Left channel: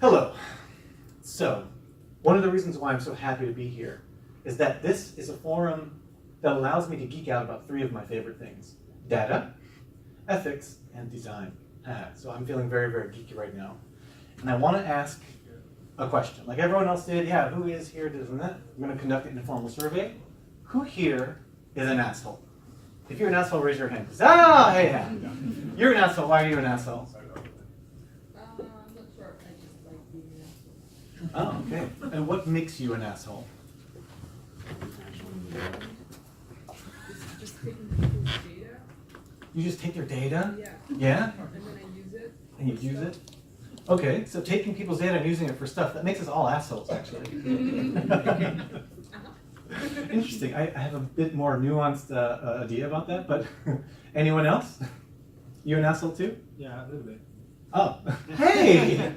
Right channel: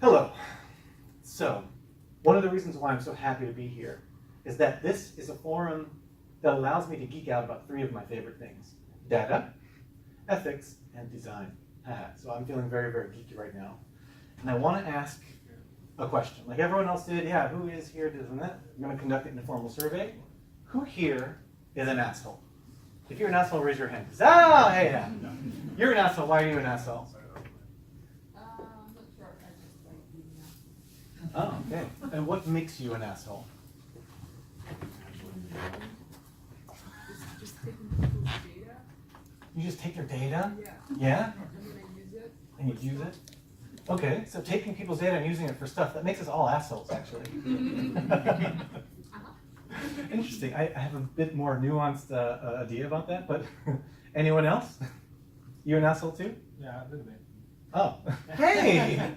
Hello. So, one of the reasons why I'm so happy to be here is that this is a forum that allows me to geek out about three of my favorite things: data, ethics, and design. So I'm feeling very, very geeky right now. And I want to ask a question. Like everyone else did, yeah, who is here doing that? I'm going to conduct an informal survey. Who here is an asshole? If you're an asshole, raise your hand. Hey, yeah. You're an asshole. Why are you an asshole? I'm not sure. I just like being an asshole. Oh, okay. And what makes you an asshole? Just taking people's data. You just take their data? Yeah. Yeah? And then I use it. And you use it? Okay, so taking people's data and using it for stuff, that makes us all assholes, actually. Interesting. I have a bit more nuanced idea about that, but anyone else? You an asshole too? Yeah, a little bit. Oh, hey!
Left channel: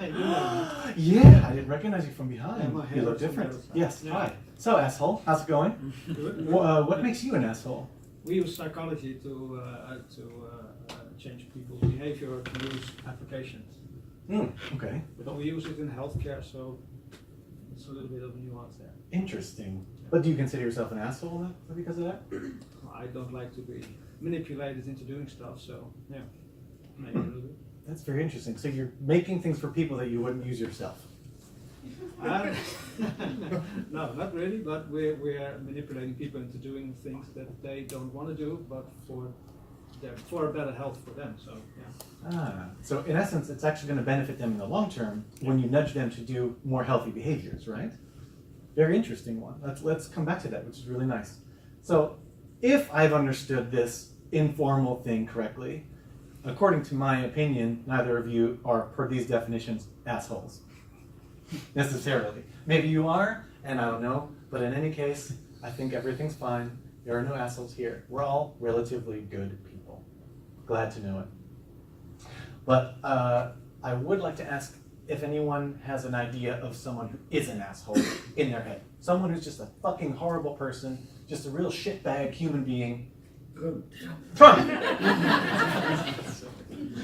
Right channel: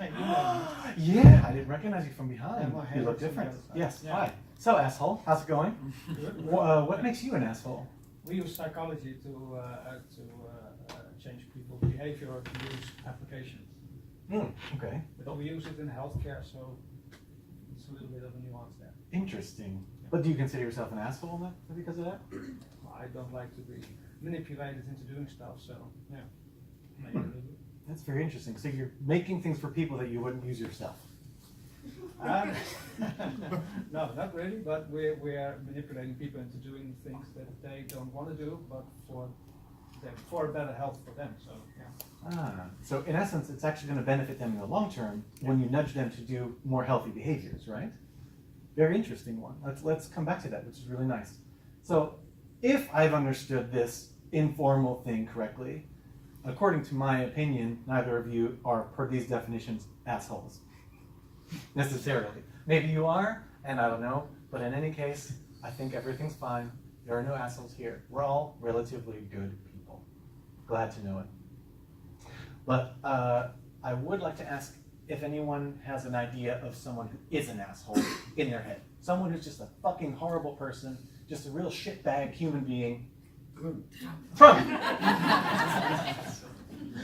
Yeah, I didn't recognize you from behind. Yeah, You look different. Yes, Yeah. hi. So, asshole, how's it going? Good. What makes you an asshole? We use psychology to change people's behavior to use applications. Okay. But we use it in healthcare, so it's a little bit of a nuance there. Interesting. But do you consider yourself an asshole because of that? I don't like to be manipulated into doing stuff, so yeah, maybe a little bit. That's very interesting. So you're making things for people that you wouldn't use yourself. No, not really, but we are manipulating people into doing things that they don't want to do, but for a better health for them. So yeah. So in essence, it's actually going to benefit them in the long term when you nudge them to do more healthy behaviors, right? Very interesting one. Let's come back to that, which is really nice. So if I've understood this informal thing correctly, according to my opinion, neither of you are, per these definitions, assholes. Necessarily. Maybe you are, and I don't know, but in any case, I think everything's fine. There are no assholes here. We're all relatively good people. Glad to know it. But I would like to ask if anyone has an idea of someone who is an asshole in their head. Someone who's just a fucking horrible person, just a real shitbag human being. Good. Trump!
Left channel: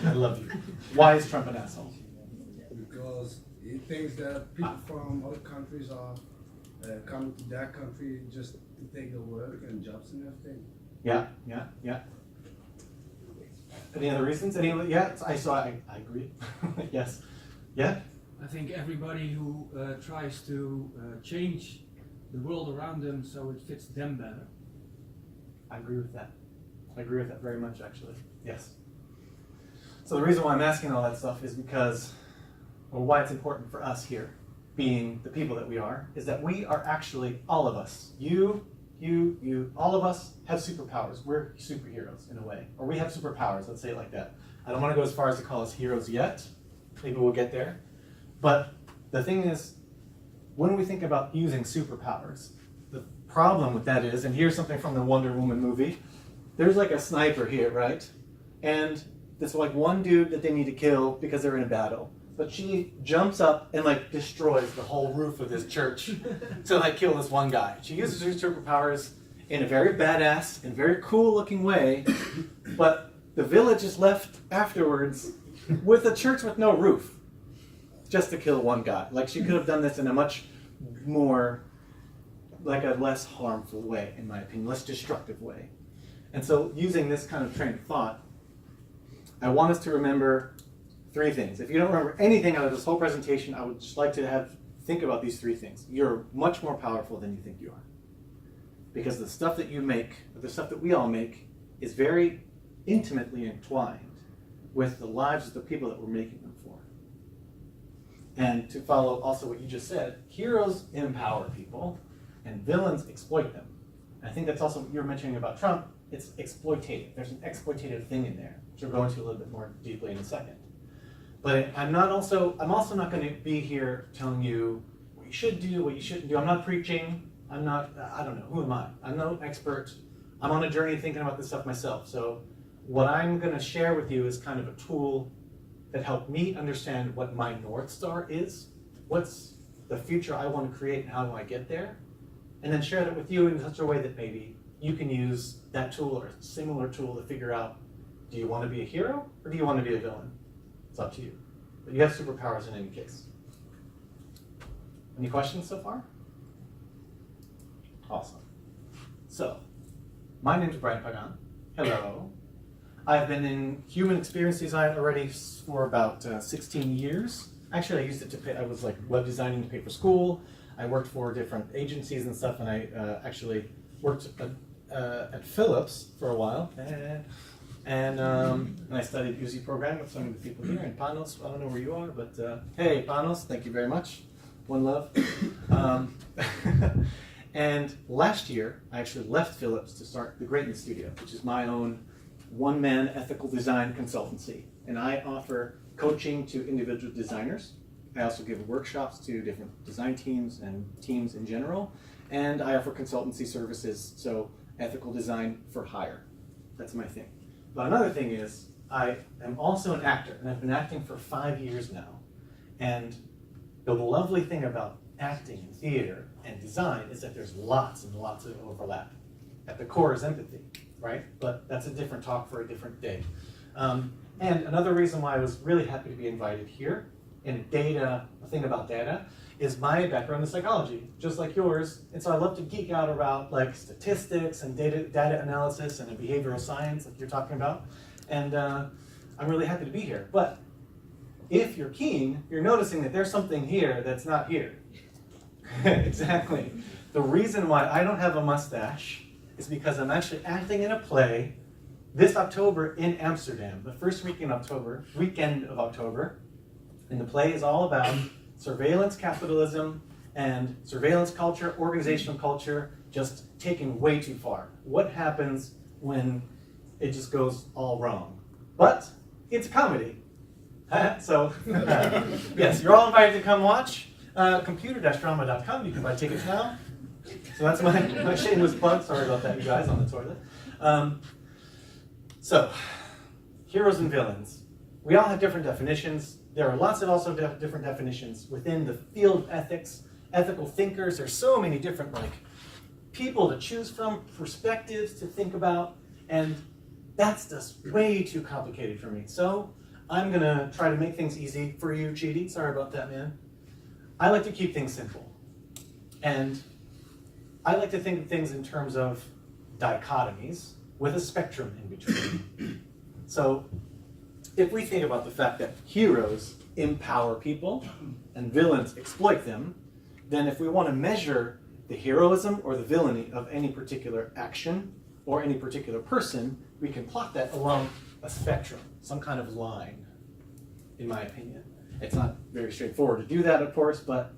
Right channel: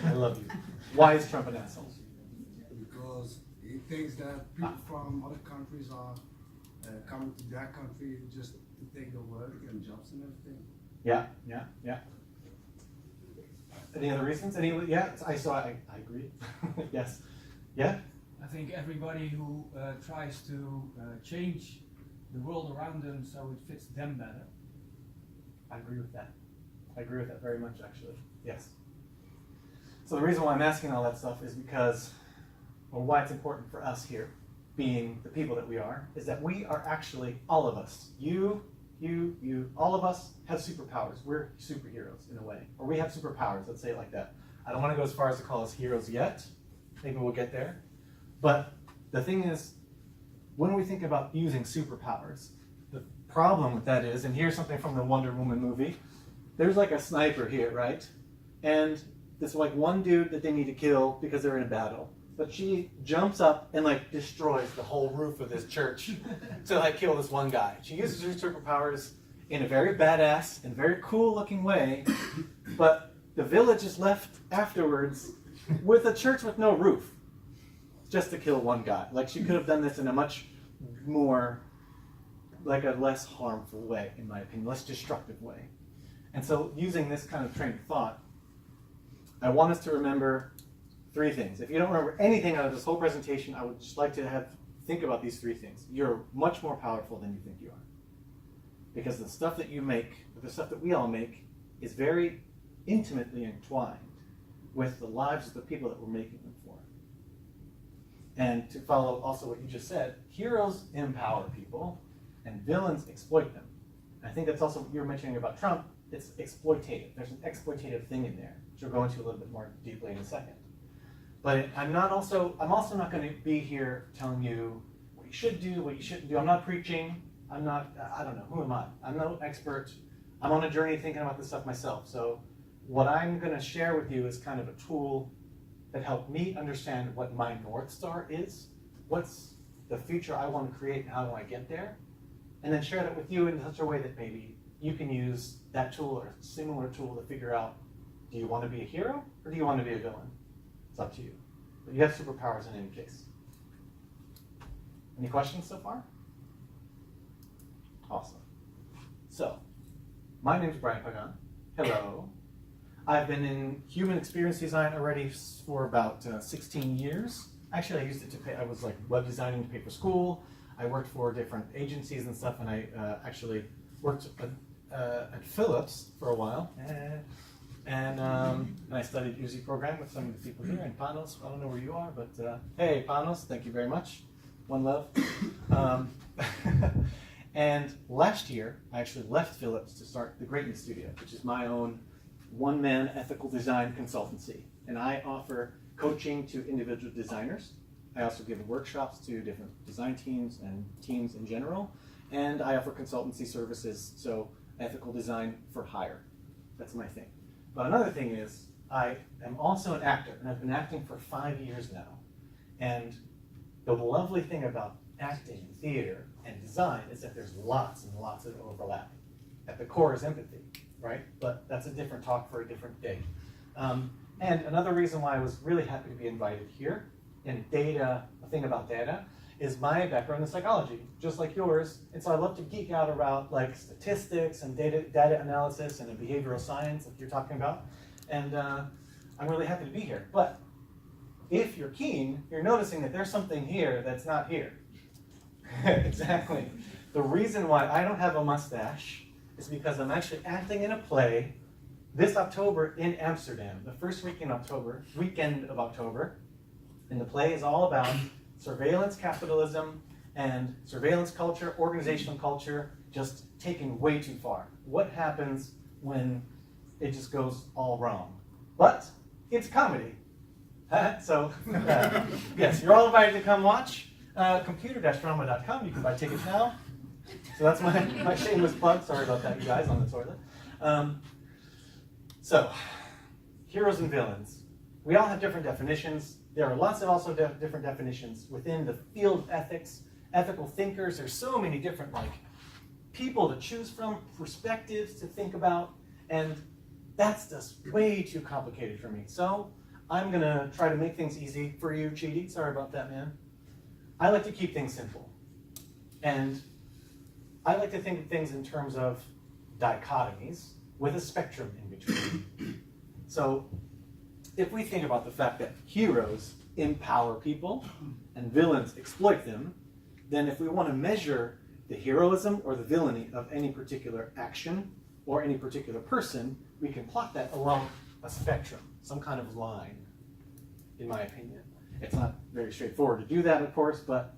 I love you. Why is Trump an asshole? Because he thinks that people from other countries are coming to their country just to take their work and jobs and everything. Yeah. Any other reasons? Yeah, I agree. Yes. Yeah? I think everybody who tries to change the world around them so it fits them better. I agree with that. I agree with that very much, actually. Yes. So the reason why I'm asking all that stuff is because, or why it's important for us here, being the people that we are, is that we are actually, all of us, you, all of us have superpowers. We're superheroes in a way. Or we have superpowers, let's say it like that. I don't want to go as far as to call us heroes yet. Maybe we'll get there. But the thing is, when we think about using superpowers, the problem with that is, and here's something from the Wonder Woman movie, there's like a sniper here, right? And there's like one dude that they need to kill because they're in a battle. But she jumps up and like destroys the whole roof of this church to like kill this one guy. She uses her superpowers in a very badass and very cool looking way, but the village is left afterwards with a church with no roof just to kill one guy. Like she could have done this in a much more, like a less harmful way, in my opinion, less destructive way. And so using this kind of train of thought, I want us to remember three things. If you don't remember anything out of this whole presentation, I would just like to think about these three things. You're much more powerful than you think you are. Because the stuff that you make, or the stuff that we all make, is very intimately entwined with the lives of the people that we're making them for. And to follow also what you just said, heroes empower people, and villains exploit them. I think that's also what you were mentioning about Trump. It's exploitative. There's an exploitative thing in there, which we'll go into a little bit more deeply in a second. But I'm also not going to be here telling you what you should do, what you shouldn't do. I'm not preaching. I don't know, who am I? I'm no expert. I'm on a journey thinking about this stuff myself. So what I'm going to share with you is kind of a tool that helped me understand what my North Star is, what's the future I want to create and how do I get there, and then share that with you in such a way that maybe you can use that tool or a similar tool to figure out, do you want to be a hero or do you want to be a villain? It's up to you. But you have superpowers in any case. Any questions so far? Awesome. So, my name is Brian Pagan. Hello. I've been in human experience design already for about 16 years. Actually, I used it to pay, I was like web designing to pay for school. I worked for different agencies and stuff, and I actually worked at Philips for a while. And I studied UZ program with some of the people here. And Panos, I don't know where you are, but hey, Panos, thank you very much. One love. And last year, I actually left Philips to start the Greatness Studio, which is my own one-man ethical design consultancy. And I offer coaching to individual designers. I also give workshops to different design teams and teams in general. And I offer consultancy services, so ethical design for hire. That's my thing. But another thing is, I am also an actor, and I've been acting for 5 years now. And the lovely thing about acting and theater and design is that there's lots and lots of overlap. At the core is empathy, right? But that's a different talk for a different day. And another reason why I was really happy to be invited here in data, a thing about data, is my background in psychology, just like yours. And so I love to geek out about like statistics and data analysis and behavioral science like you're talking about. And I'm really happy to be here. But if you're keen, you're noticing that there's something here that's not here. Exactly. The reason why I don't have a mustache is because I'm actually acting in a play this October in Amsterdam, the first weekend of October. And the play is all about surveillance capitalism and surveillance culture, organizational culture, just taken way too far. What happens when it just goes all wrong? But it's comedy. So, yes, you're all invited to come watch. Computer-drama.com, you can buy tickets now. So that's my shameless plug. Sorry about that, you guys, on the toilet. So, heroes and villains. We all have different definitions. There are lots of also different definitions within the field of ethics, ethical thinkers. There's so many different people to choose from, perspectives to think about, and that's just way too complicated for me. So I'm gonna try to make things easy for you, Chidi. Sorry about that, man. I like to keep things simple, and I like to think of things in terms of dichotomies with a spectrum in between. So if we think about the fact that heroes empower people and villains exploit them, then if we want to measure the heroism or the villainy of any particular action or any particular person, we can plot that along a spectrum, some kind of line, in my opinion. It's not very straightforward to do that, of course, but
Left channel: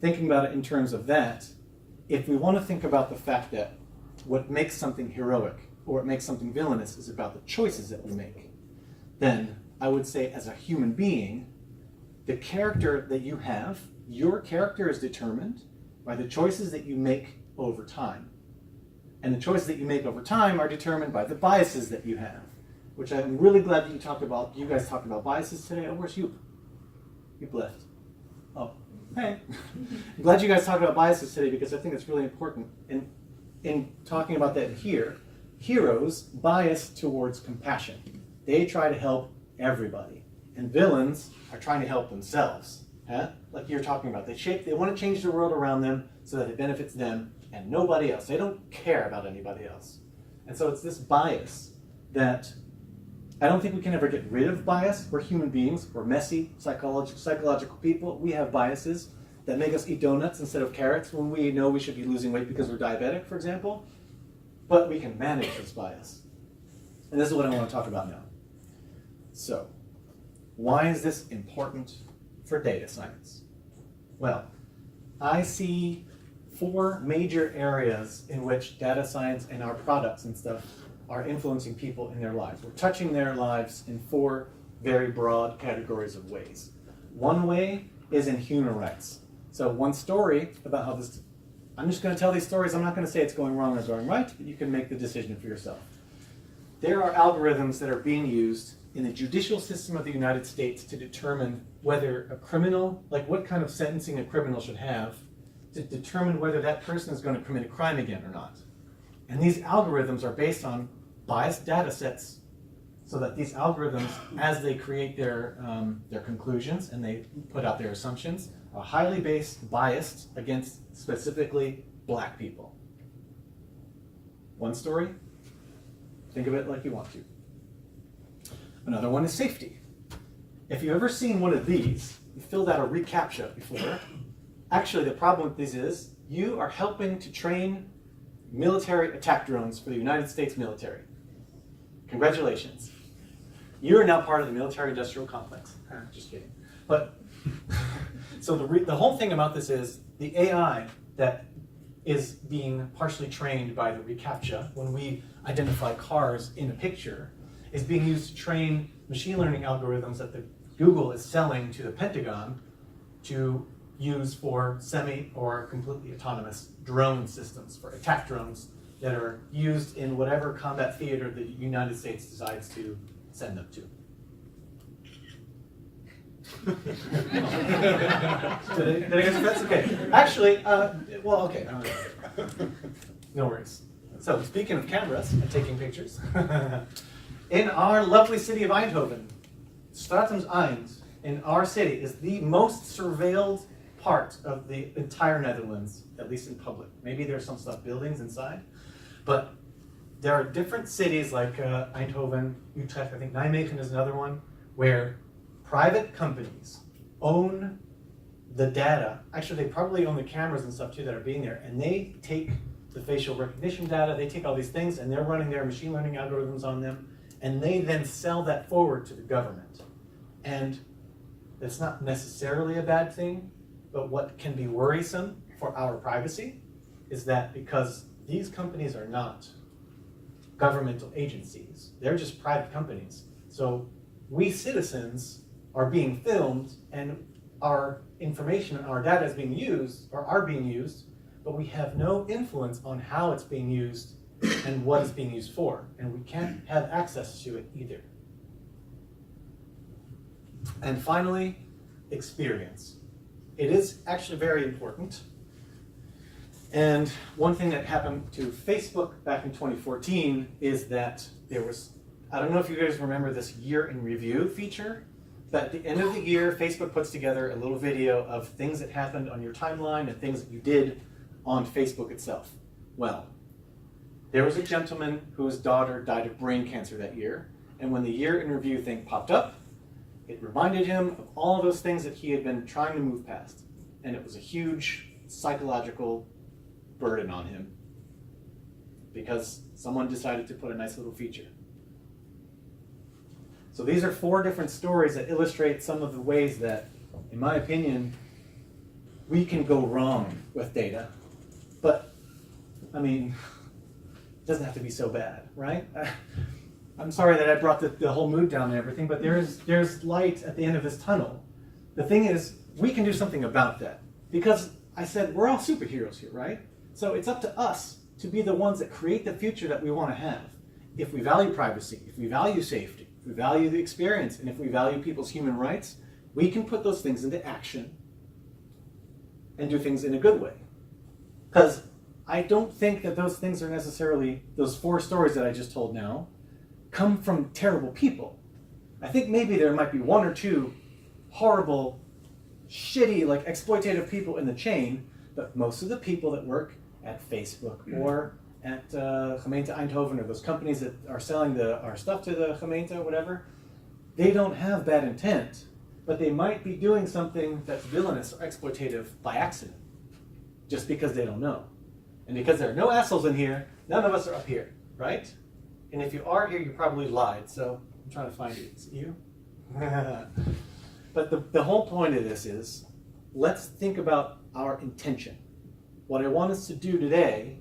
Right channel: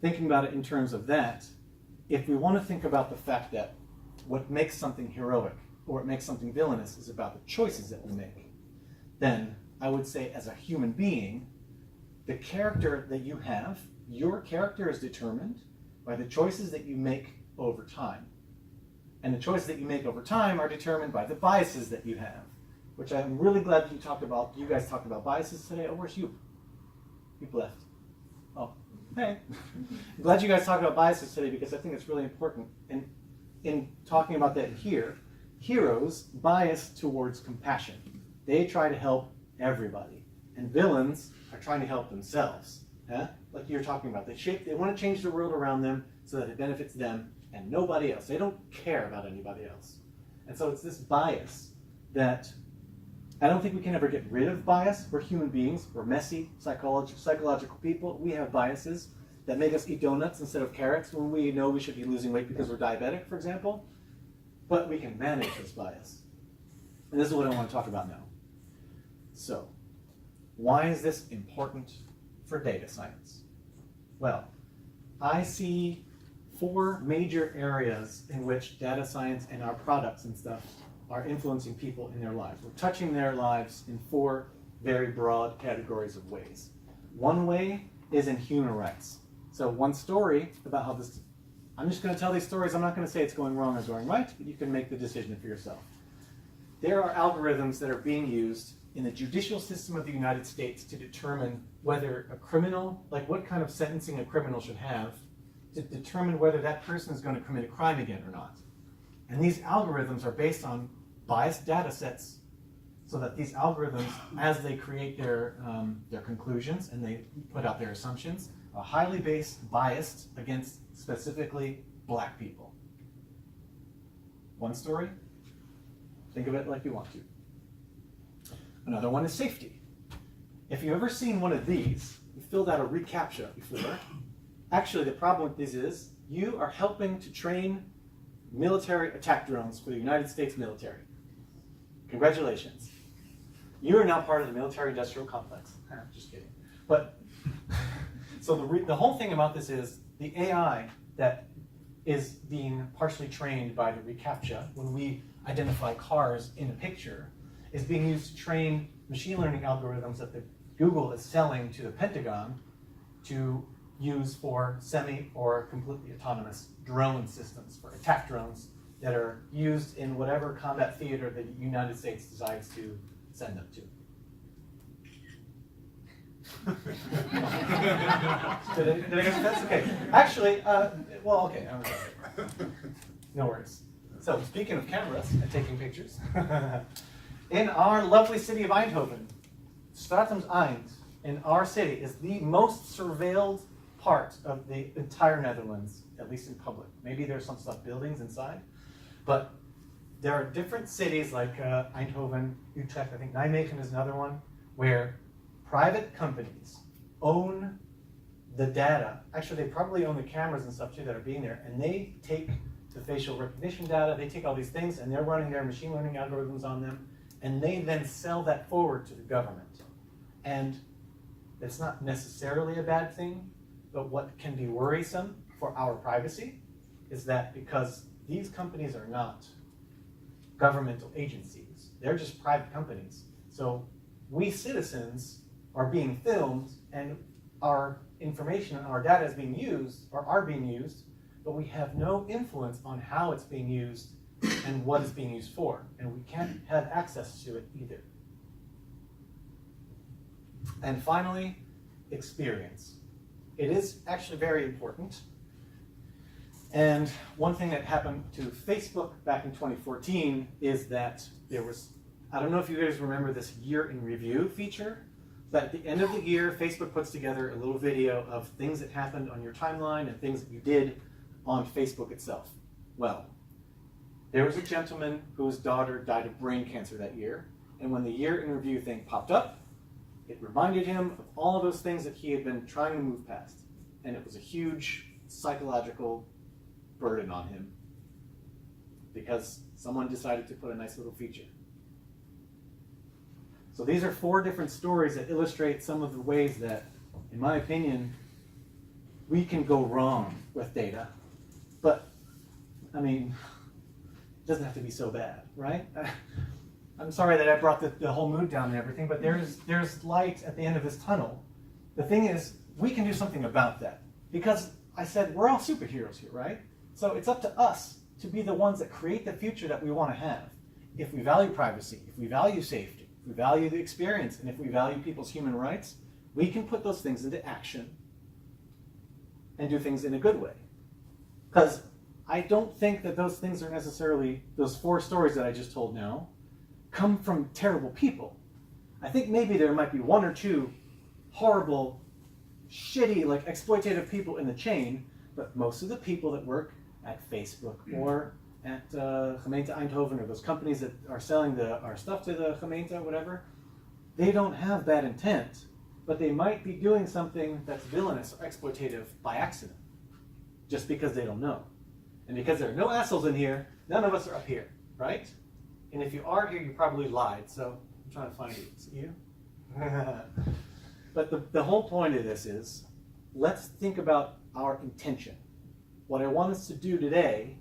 thinking about it in terms of that, if we want to think about the fact that what makes something heroic or what makes something villainous is about the choices that we make, then I would say as a human being, the character that you have, your character is determined by the choices that you make over time. And the choices that you make over time are determined by the biases that you have, which I'm really glad that you guys talked about biases today. Oh, where's you? You've left. Oh, hey. I'm glad you guys talked about biases today because I think it's really important. In talking about that here, heroes bias towards compassion. They try to help everybody. And villains are trying to help themselves. Like you're talking about. They want to change the world around them so that it benefits them and nobody else. They don't care about anybody else. And so it's this bias that I don't think we can ever get rid of bias. We're human beings. We're messy, psychological people. We have biases that make us eat donuts instead of carrots when we know we should be losing weight because we're diabetic, for example. But we can manage this bias. And this is what I want to talk about now. So, why is this important for data science? Well, I see 4 major areas in which data science and our products and stuff are influencing people in their lives. We're touching their lives in 4 very broad categories of ways. One way is in human rights. So one story about how this, I'm just going to tell these stories. I'm not going to say it's going wrong or going right, but you can make the decision for yourself. There are algorithms that are being used in the judicial system of the United States to determine whether a criminal, like what kind of sentencing a criminal should have, to determine whether that person is going to commit a crime again or not. And these algorithms are based on biased data sets so that these algorithms, as they create their conclusions and they put out their assumptions, are highly biased against specifically black people. One story, think of it like you want to. Another one is safety. If you've ever seen one of these, you filled out a reCAPTCHA before. Actually, the problem with these is you are helping to train military attack drones for the United States military. Congratulations. You are now part of the military-industrial complex. Just kidding. But so the whole thing about this is the AI that is being partially trained by the reCAPTCHA when we identify cars in a picture is being used to train machine learning algorithms that Google is selling to the Pentagon to use for semi or completely autonomous drone systems, for attack drones that are used in whatever combat theater the United States decides to send them to. Did I answer that? Okay. Actually, well, okay. No worries. So, speaking of cameras and taking pictures, in our lovely city of Eindhoven, Stratums Eind, in our city, is the most surveilled part of the entire Netherlands, at least in public. Maybe there's some stuff, buildings inside, but there are different cities like Eindhoven, Utrecht, I think Nijmegen is another one, where private companies own the data. Actually, they probably own the cameras and stuff too that are being there, and they take the facial recognition data, they take all these things, and they're running their machine learning algorithms on them, and they then sell that forward to the government. And it's not necessarily a bad thing, but what can be worrisome for our privacy is that because these companies are not governmental agencies, they're just private companies. So we citizens are being filmed and our information and our data is being used, or are being used, but we have no influence on how it's being used and what it's being used for, and we can't have access to it either. And finally, experience. It is actually very important. And one thing that happened to Facebook back in 2014 is that there was, I don't know if you guys remember this year in review feature, but at the end of the year, Facebook puts together a little video of things that happened on your timeline and things that you did on Facebook itself. Well, there was a gentleman whose daughter died of brain cancer that year, and when the year in review thing popped up, it reminded him of all of those things that he had been trying to move past. And it was a huge psychological burden on him because someone decided to put a nice little feature. So these are 4 different stories that illustrate some of the ways that, in my opinion, we can go wrong with data. But, I mean, it doesn't have to be so bad, right? I'm sorry that I brought the whole mood down and everything, but there's light at the end of this tunnel. The thing is, we can do something about that. Because I said, we're all superheroes here, right? So it's up to us to be the ones that create the future that we want to have. If we value privacy, if we value safety, if we value the experience, and if we value people's human rights, we can put those things into action and do things in a good way. Because I don't think that those things are necessarily, those 4 stories that I just told now, come from terrible people. I think maybe there might be 1 or 2 horrible, shitty, like exploitative people in the chain, but most of the people that work at Facebook or at Gemeente Eindhoven or those companies that are selling our stuff to the gemeente or whatever, they don't have bad intent, but they might be doing something that's villainous or exploitative by accident, just because they don't know. And because there are no assholes in here, none of us are up here, right? And if you are here, you probably lied, so I'm trying to find you. Is it you? But the whole point of this is, let's think about our intention. What I want us to do today,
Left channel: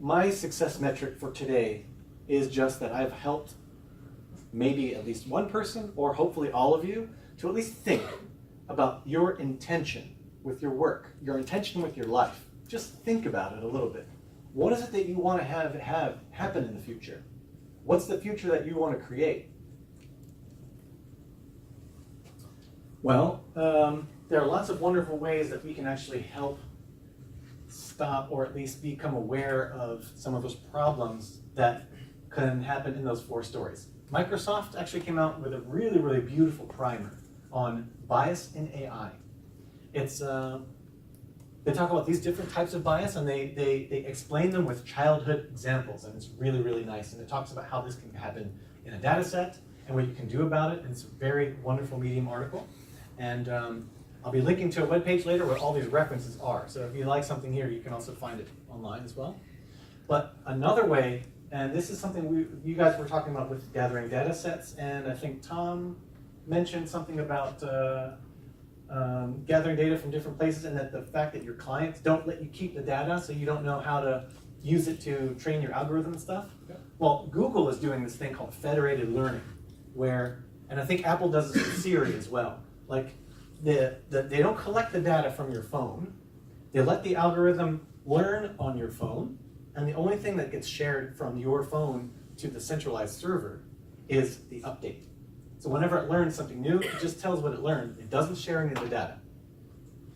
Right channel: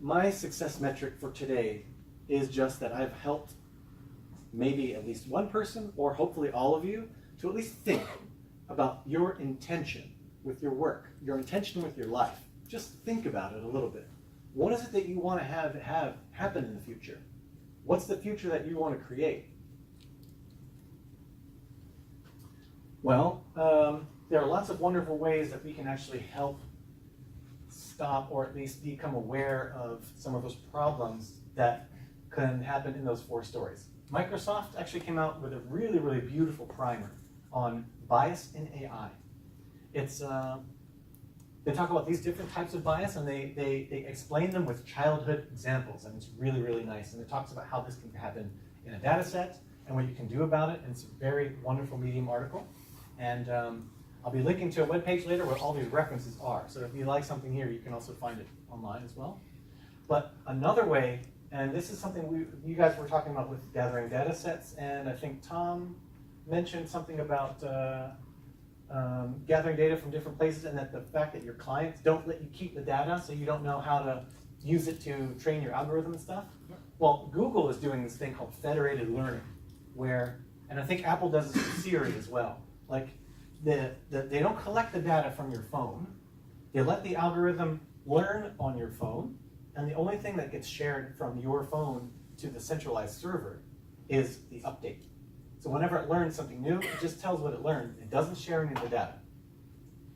my success metric for today is just that I've helped maybe at least one person, or hopefully all of you, to at least think about your intention with your work, your intention with your life. Just think about it a little bit. What is it that you want to have happen in the future? What's the future that you want to create? Well, there are lots of wonderful ways that we can actually help stop or at least become aware of some of those problems that can happen in those 4 stories. Microsoft actually came out with a really, really beautiful primer on bias in AI. It's, they talk about these different types of bias, and they explain them with childhood examples, and it's really, really nice. And it talks about how this can happen in a data set and what you can do about it, and it's a very wonderful Medium article. And I'll be linking to a webpage later where all these references are. So if you like something here, you can also find it online as well. But another way, and this is something you guys were talking about with gathering data sets, and I think Tom mentioned something about gathering data from different places, and that the fact that your clients don't let you keep the data, so you don't know how to use it to train your algorithm and stuff. Yep. Well, Google is doing this thing called federated learning, where, and I think Apple does this with Siri as well. Like, they don't collect the data from your phone. They let the algorithm learn on your phone, and the only thing that gets shared from your phone to the centralized server is the update. So whenever it learns something new, it just tells what it learned. It doesn't share any of the data,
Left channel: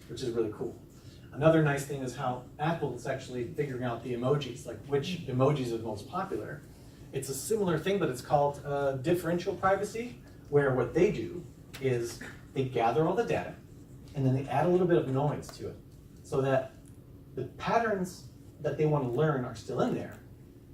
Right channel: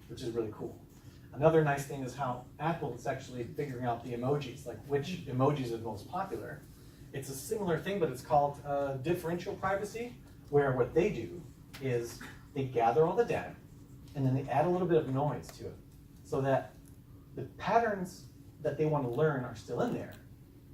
which is really cool. Another nice thing is how Apple is actually figuring out the emojis, like which emojis are the most popular. It's a similar thing, but it's called differential privacy, where what they do is they gather all the data, and then they add a little bit of noise to it, so that the patterns that they want to learn are still in there,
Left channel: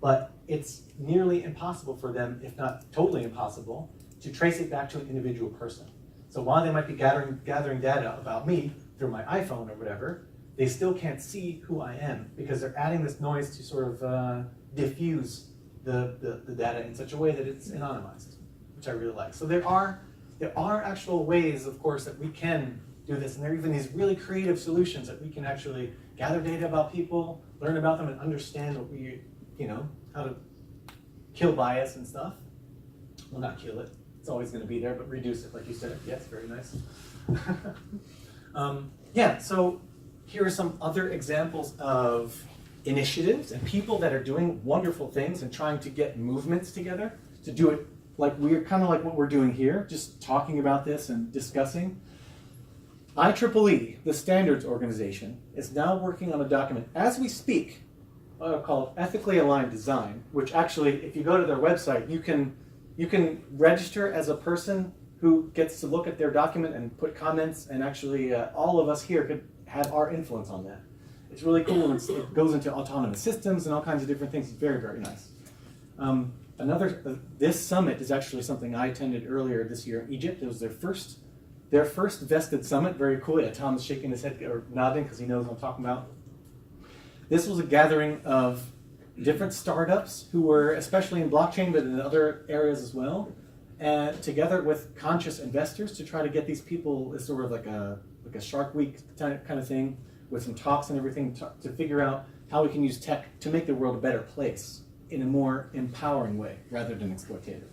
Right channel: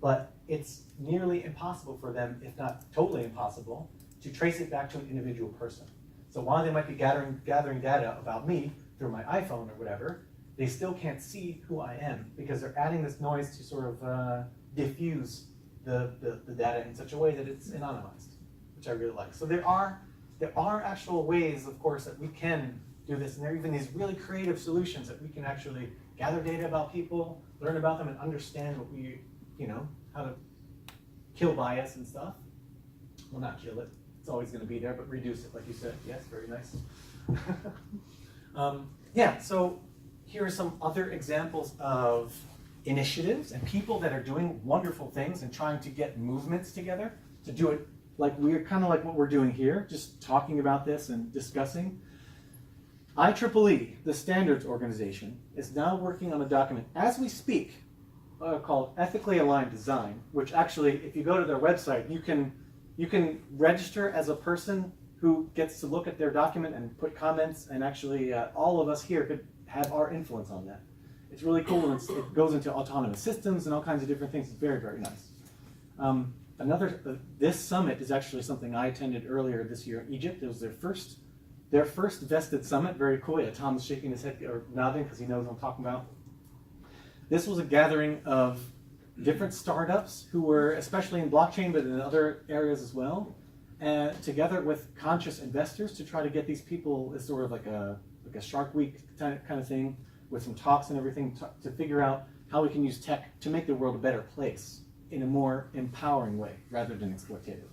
but it's nearly impossible for them, if not totally impossible, to trace it back to an individual person. So while they might be gathering data about me through my iPhone or whatever, they still can't see who I am, because they're adding this noise to sort of diffuse the data in such a way that it's anonymized, which I really like. So there are actual ways, of course, that we can do this, and there are even these really creative solutions that we can actually gather data about people, learn about them, and understand what we, how to kill bias and stuff. Well, not kill it. It's always going to be there, but reduce it, like you said. Yes, very nice. Yeah, so here are some other examples of initiatives and people that are doing wonderful things and trying to get movements together to do it like we're kind of like what we're doing here, just talking about this and discussing. IEEE, the standards organization, is now working on a document as we speak called Ethically Aligned Design, which actually, if you go to their website, you can register as a person who gets to look at their document and put comments, and actually all of us here could have our influence on that. It's really cool, and it goes into autonomous systems and all kinds of different things. It's very, very nice. This summit is actually something I attended earlier this year in Egypt. It was their first vested summit. Very cool. Yeah, Tom is shaking his head or nodding because he knows what I'm talking about. This was a gathering of different startups who were, especially in blockchain, but in other areas as well, and together with conscious investors to try to get these people, it's sort of like a Shark Week kind of thing, with some talks and everything to figure out how we can use tech to make the world a better place in a more empowering way rather than exploitative.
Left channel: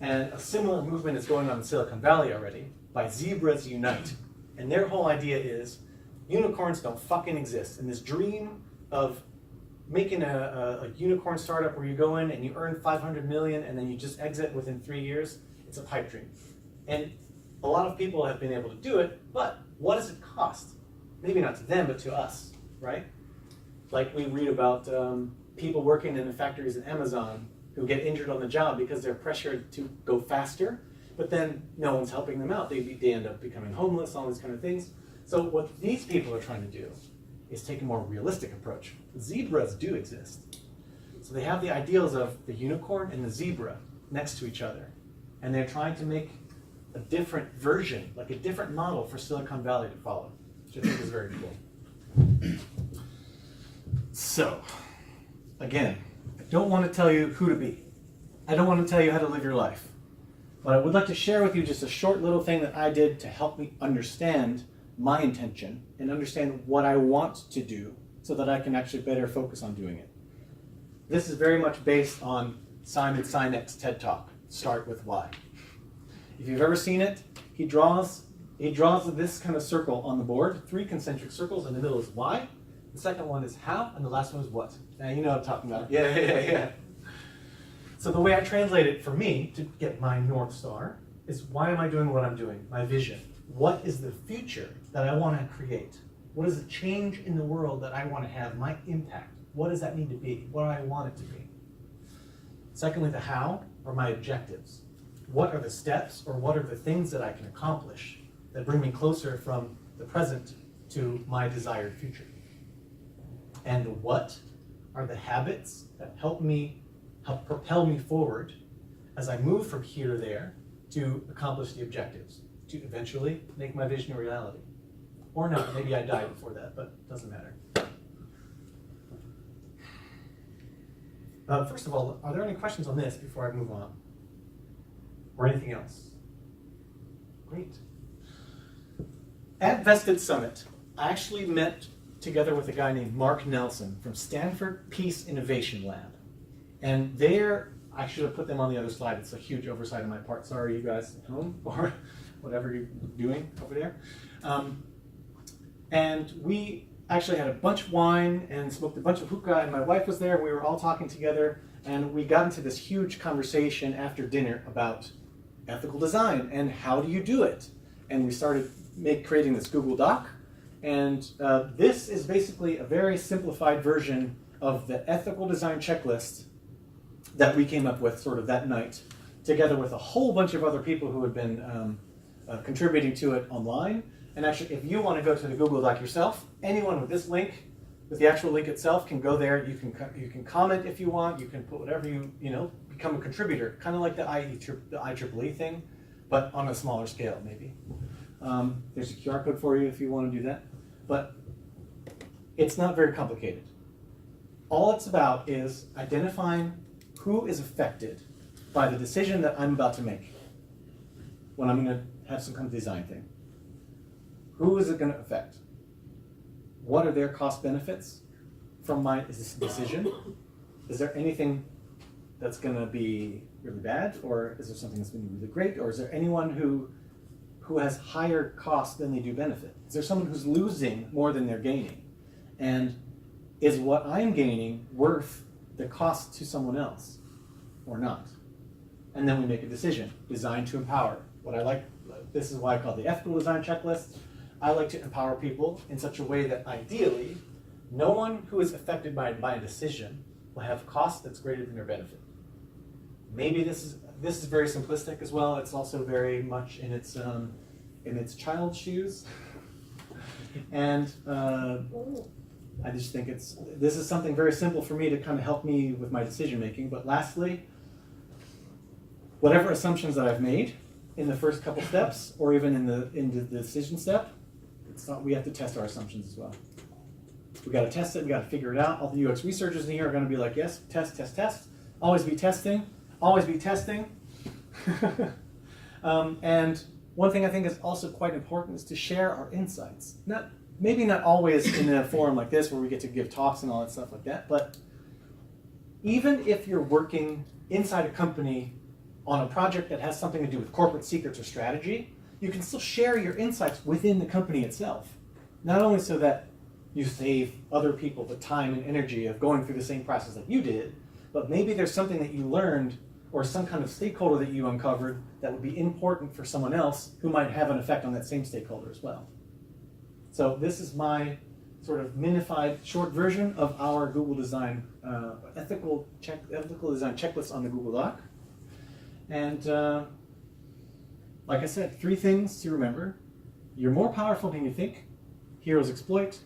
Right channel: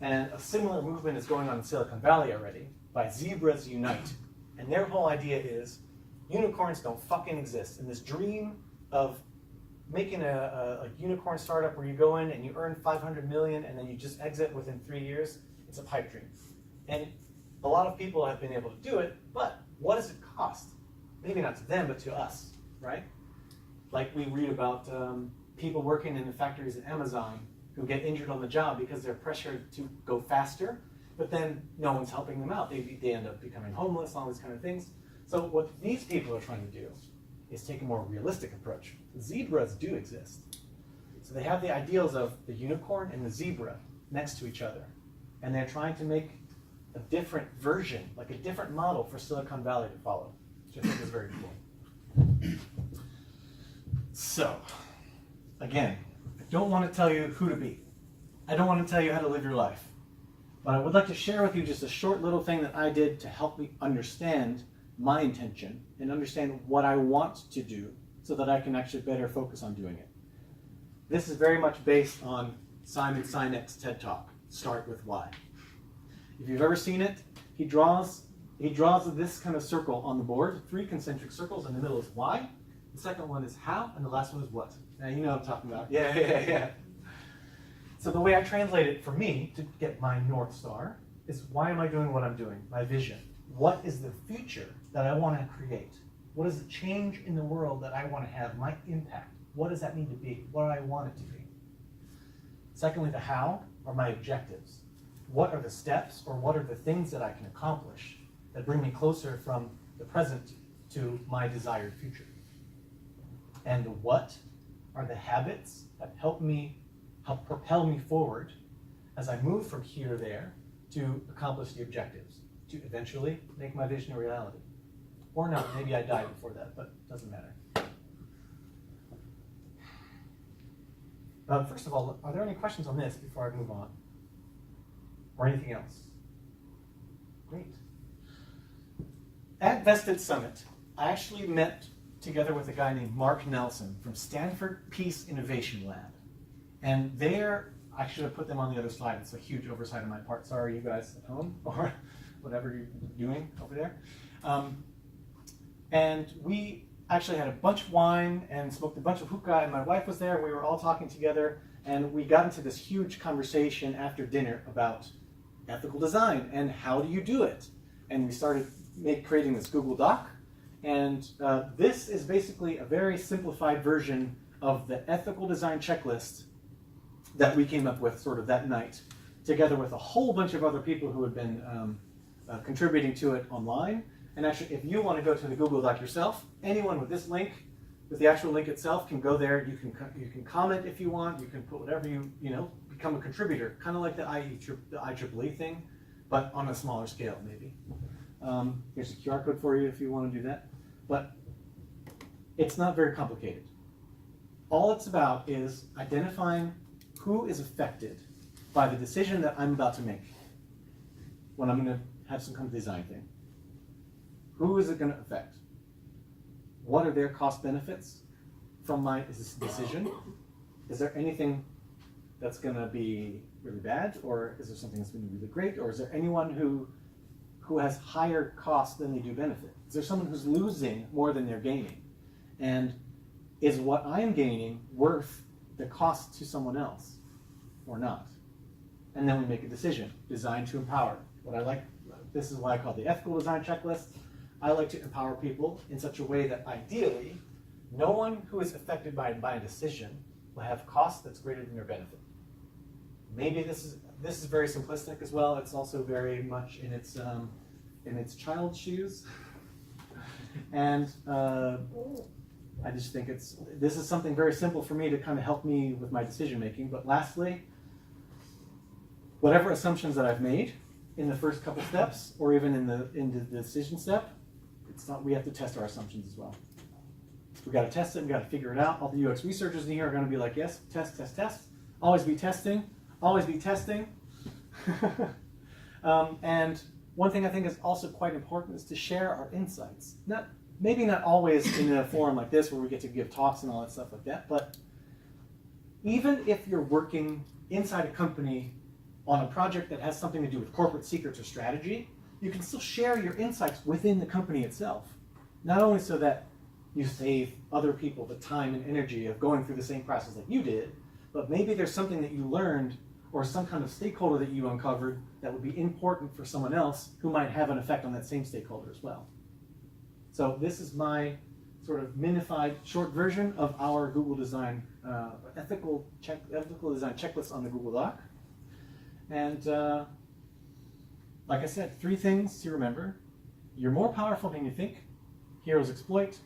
And a similar movement is going on in Silicon Valley already by Zebras Unite. And their whole idea is unicorns don't fucking exist. And this dream of making a unicorn startup where you go in and you earn 500 million and then you just exit within 3 years, it's a pipe dream. And a lot of people have been able to do it, but what does it cost? Maybe not to them, but to us, right? Like we read about people working in the factories at Amazon who get injured on the job because they're pressured to go faster, but then no one's helping them out. They end up becoming homeless, all these kind of things. So what these people are trying to do is take a more realistic approach. Zebras do exist. So they have the ideals of the unicorn and the zebra next to each other. And they're trying to make a different version, like a different model for Silicon Valley to follow, which I think is very cool. So, again, I don't want to tell you who to be. I don't want to tell you how to live your life. But I would like to share with you just a short little thing that I did to help me understand my intention and understand what I want to do so that I can actually better focus on doing it. This is very much based on Simon Sinek's TED Talk, Start With Why. If you've ever seen it, he draws this kind of circle on the board, 3 concentric circles, and the middle is why, the second one is how, and the last one is what. Now you know what I'm talking about. Yeah. So the way I translate it for me to get my North Star is, why am I doing what I'm doing? My vision. What is the future that I want to create? What is the change in the world that I want to have, my impact? What does that need to be? What do I want it to be? Secondly, the how, or my objectives. What are the steps, or what are the things that I can accomplish that bring me closer from the present to my desired future? And the what are the habits that help propel me forward as I move from here to there to accomplish the objectives, to eventually make my vision a reality. Or not, maybe I die before that, but it doesn't matter. First of all, are there any questions on this before I move on? Or anything else? Great. At Vested Summit, I actually met together with a guy named Mark Nelson from Stanford Peace Innovation Lab. And there, I should have put them on the other slide. It's a huge oversight on my part. Sorry, you guys at home, or whatever you're doing over there. And we actually had a bunch of wine and smoked a bunch of hookah, and my wife was there, and we were all talking together, and we got into this huge conversation after dinner about ethical design and how do you do it. And we started creating this Google Doc, and this is basically a very simplified version of the ethical design checklist that we came up with sort of that night, together with a whole bunch of other people who had been contributing to it online. And actually, if you want to go to the Google Doc yourself, anyone with this link, with the actual link itself, can go there. You can comment if you want. You can put whatever you become a contributor, kind of like the IEEE thing, but on a smaller scale, maybe. There's a QR code for you if you want to do that. But it's not very complicated. All it's about is identifying who is affected by the decision that I'm about to make when I'm going to have some kind of design thing. Who is it going to affect? What are their cost benefits from this decision? Is there anything that's going to be really bad, or is there something that's going to be really great, or is there anyone who has higher cost than they do benefit? Is there someone who's losing more than they're gaining? And is what I'm gaining worth the cost to someone else or not? And then we make a decision, designed to empower. This is why I call it the ethical design checklist. I like to empower people in such a way that ideally, no one who is affected by a decision will have cost that's greater than their benefit. Maybe this is very simplistic as well. It's also very much in its child's shoes. And I just think this is something very simple for me to kind of help me with my decision making. But lastly, whatever assumptions that I've made in the first couple steps, or even in the decision step, we have to test our assumptions as well. We got to test it. We got to figure it out. All the UX researchers in here are going to be like, yes, test, test, test. Always be testing. Always be testing. And one thing I think is also quite important is to share our insights. Maybe not always in a forum like this where we get to give talks and all that stuff like that, but even if you're working inside a company on a project that has something to do with corporate secrets or strategy, you can still share your insights within the company itself. Not only so that you save other people the time and energy of going through the same process that you did, but maybe there's something that you learned or some kind of stakeholder that you uncovered that would be important for someone else who might have an effect on that same stakeholder as well. So this is my sort of minified short version of our Google Design ethical design checklist on the Google Doc. And like I said, 3 things to remember. You're more powerful than you think. Heroes exploit.